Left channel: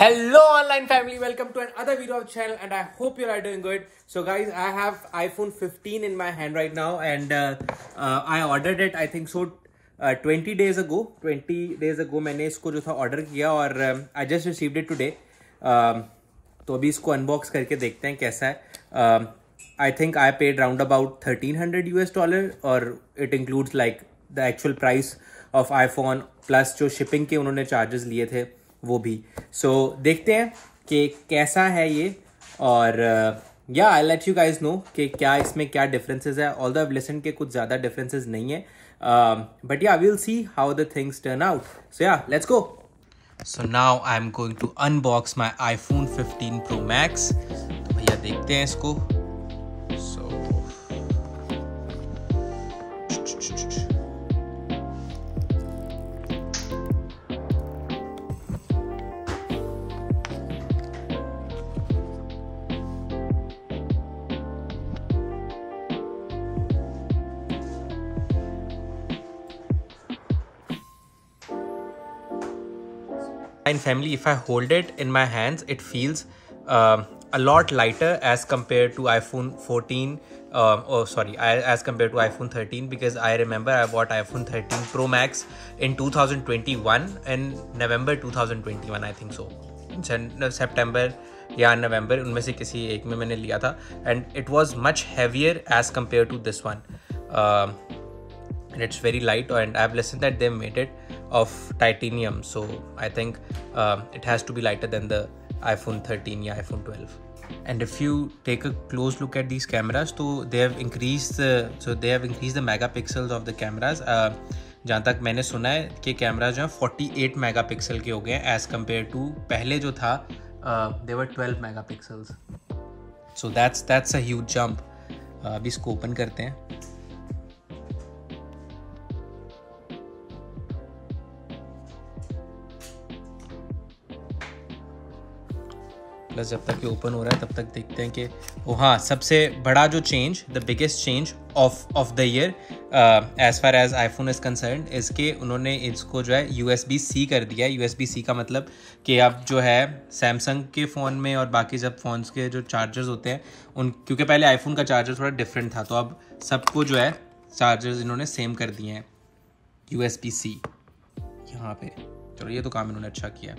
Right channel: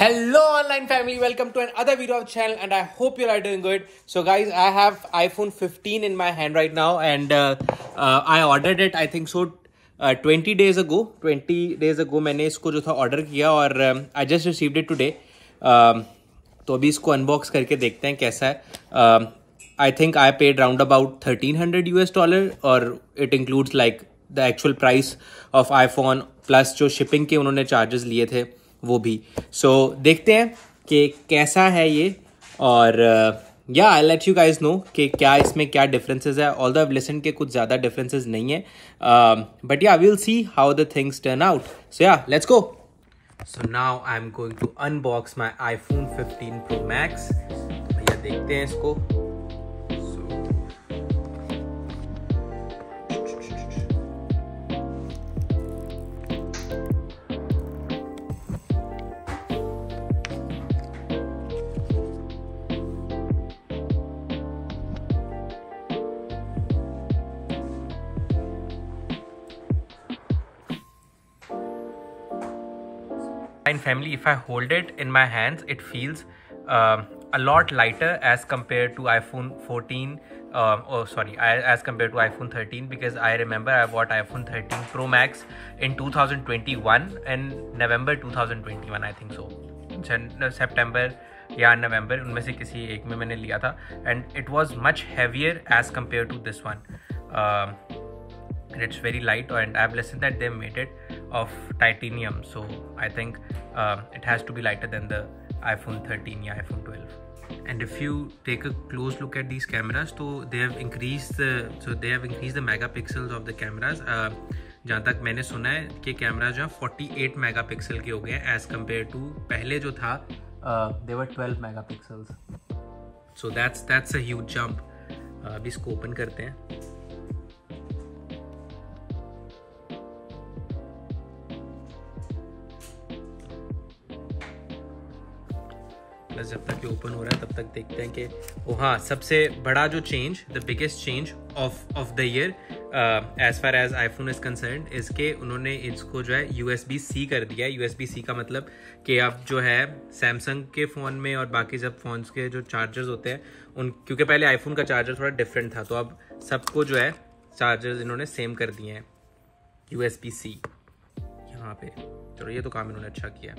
Hello online family, welcome to another video of channel and I hope you are doing good. So guys, I have iPhone 15 in my hand right now and I ordered it I think so 20 days ago. 20 days ago मैंने इसको जो था order किया और I just received it today. तो अभी इसको unbox करके देखते हैं कैसा है. I think I paid round about $1300 और it includes like the actual price of iPhone plus जो shipping के उन्होंने charges लिए थे वो भी. सो देखते हैं कि कैसा है ये और या I let you guys know कि क्या इसमें क्या डिफरेंसेस है. ऑल्दो आई लिसन के कुछ ज़्यादा डिफरेंसेस नहीं है but yeah will see how the things turn out. So yeah let's go. So now I am going to unbox my iPhone 15 Pro Max. भैया देखते हैं इसको. Family, if I hold it in my hands, it feels a lot lighter as compared to iPhone 14. As compared to iPhone 13, because I remember I bought iPhone 13 Pro Max in 2021 in November 2021 I think so. September या November उनमें से किसी एक में मैंने लिया था and it was much heavier as compared to this one. And it's very light and I've listened that they made it of titanium, so I think it has to be lighter than the iPhone 13 या iPhone 12. And if you take a close look at these cameras, so they have increased the megapixels of the cameras. जहाँ तक मैंने सुना है कि कैमरा जो है 48 मेगापिक्सल के हो गए as compared to पहले जो था they were 12 megapixels. So that's a huge jump. अभी इसको ओपन करते हैं. प्लस जब तक ये ओपन हो रहा है तब तक देखते हैं कि वो हाँ सबसे बड़ा जो change, the biggest change of the year as far as iPhone is concern, इसके उन्होंने इसको जो है USB-C कर दिया. USB-C का मतलब कि अब जो है सैमसंग के फ़ोन में और बाकी जब फ़ोन्स के जो चार्जर्स होते हैं उन, क्योंकि पहले आईफोन का चार्जर थोड़ा डिफरेंट था, तो अब सबको जो है चार्जर्स इन्होंने सेम कर दिए हैं USB-C यहाँ पे. चलो ये तो काम इन्होंने अच्छा किया.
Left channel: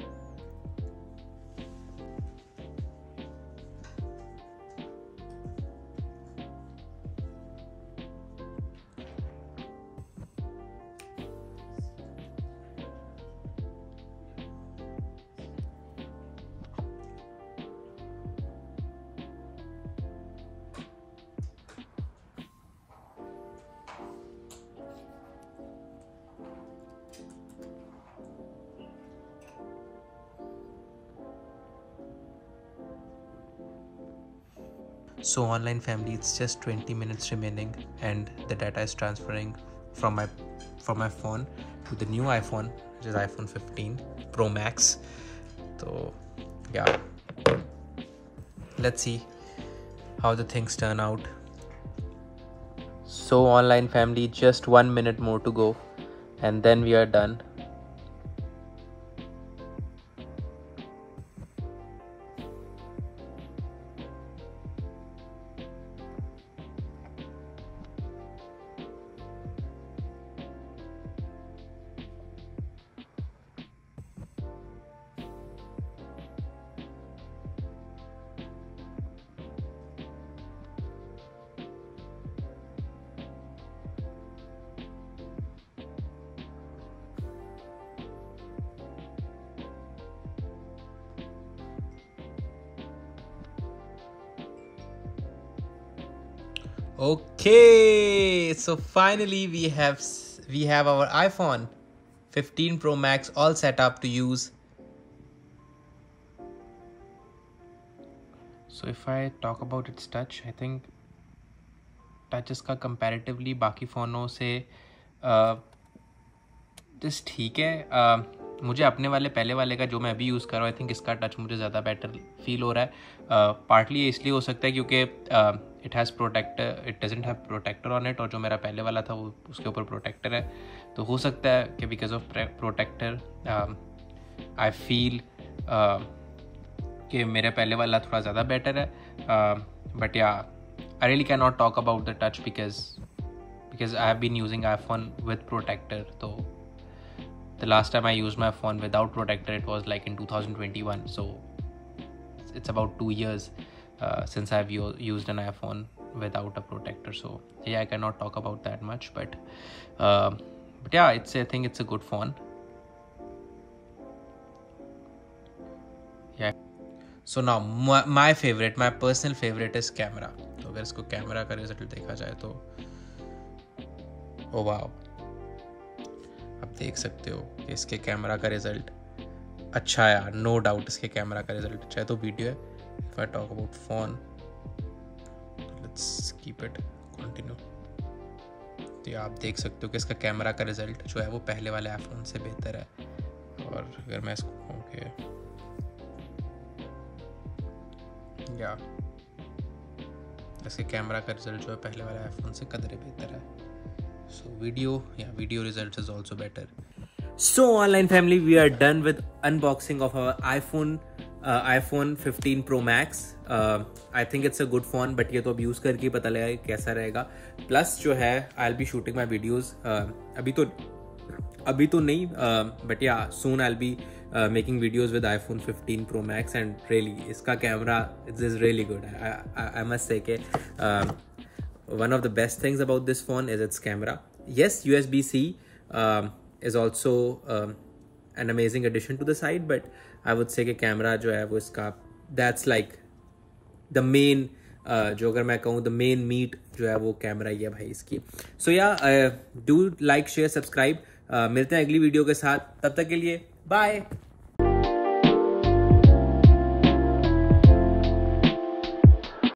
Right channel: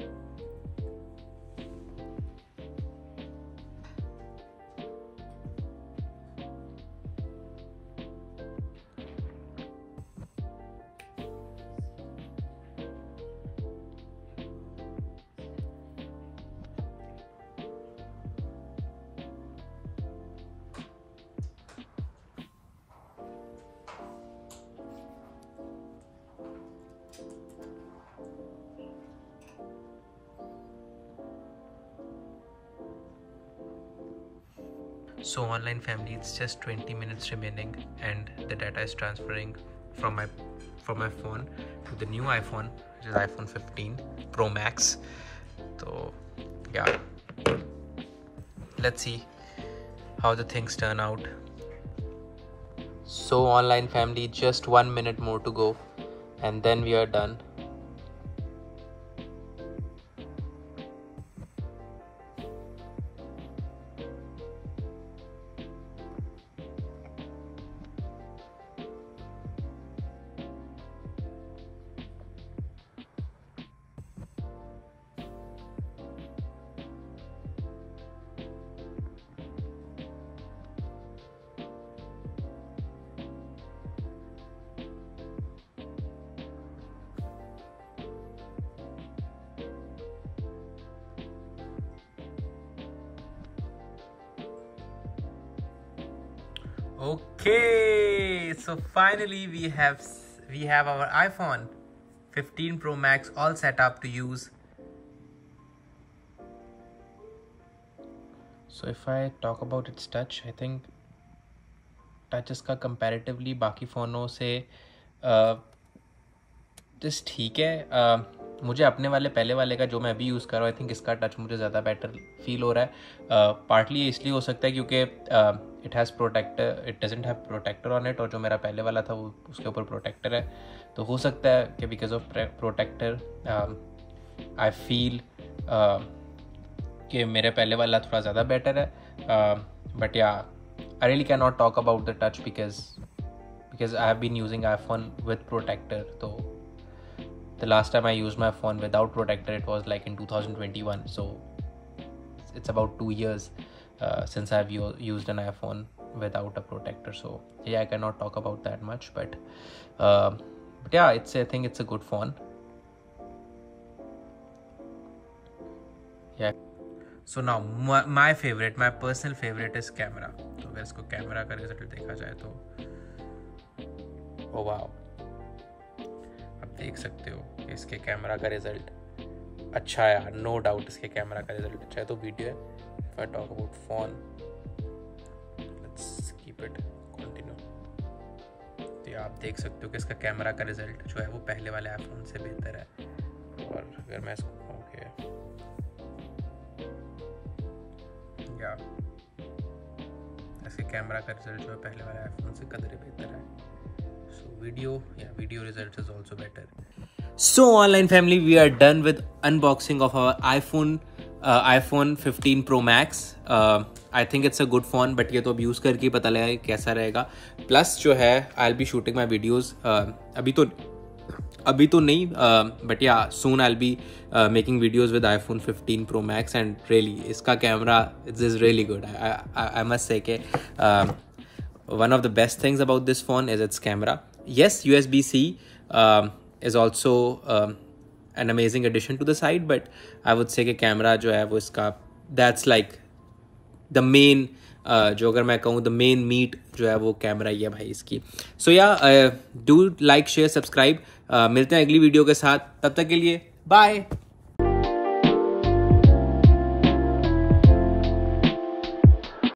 So online family, it's just 20 minutes remaining and the data is transferring from my phone to the new iPhone, which is iPhone 15 Pro Max. So yeah, let's see how the things turn out. So online family, just 1 minute more to go and then we are done. Okay, so finally we have our iPhone 15 Pro Max all set up to use. So if I talk about its touch, I think touch इसका comparatively बाकी फ़ोनों से just ठीक है. मुझे अपने वाले पहले वाले का जो मैं अभी यूज़ कर रहा हूँ, आई थिंक इसका टच मुझे ज़्यादा बेटर फील हो रहा है. पार्टली इसलिए हो सकता है क्योंकि it has protector, it doesn't have protector on it, और जो मेरा पहले वाला था वो उसके ऊपर प्रोटेक्टर है. तो हो सकता है कि because of protector I feel कि मेरे पहले वाला थोड़ा ज़्यादा बेटर है, but yeah I really can not talk about the touch because I have been using iPhone with protector. तो the last time I used my phone without protector, it was like in 2021, so it's about 2 years since I've used an iPhone without a protector. So yeah, I cannot talk about that much, but yeah, I think it's a good phone. Yeah. So now my personal favorite is camera. तो अगर इसको कैमरा का रिजल्ट देखा जाए तो oh wow, आप देख सकते हो कि इसके कैमरा का रिजल्ट अच्छा है यार, नो डाउट इसके कैमरा का रिजल्ट अच्छा है. तो वीडियो है, if I talk about phone, let's keep it continue. तो आप देख सकते हो कि इसका कैमरा का रिजल्ट जो है वो पहले वाले आईफोन से बेहतर है. और अगर मैं इसको या इसके कैमरा का रिजल्ट जो है पहले वाले आईफोन से कदरे बेहतर है. So video results is also better. So online family, we are done with unboxing of our iPhone 15 Pro Max. I think it's a good phone, but ये तो अब यूज़ करके पता लगा कैसा रहेगा. प्लस जो है I'll be shooting my videos. अभी तो नहीं, but yeah, soon I'll be making videos with iPhone 15 Pro Max, and really इसका camera is really good. I must say कि one of the best things about this phone is its camera. Yes, USB-C is also an amazing addition to the side, but I would say कि camera जो है वो इसका that's like the main जो अगर मैं कहूँ the main meat जो है वो कैमरा ही है भाई इसकी. So yeah, do like, share, subscribe. मिलते हैं अगली वीडियो के साथ, तब तक के लिए बाय.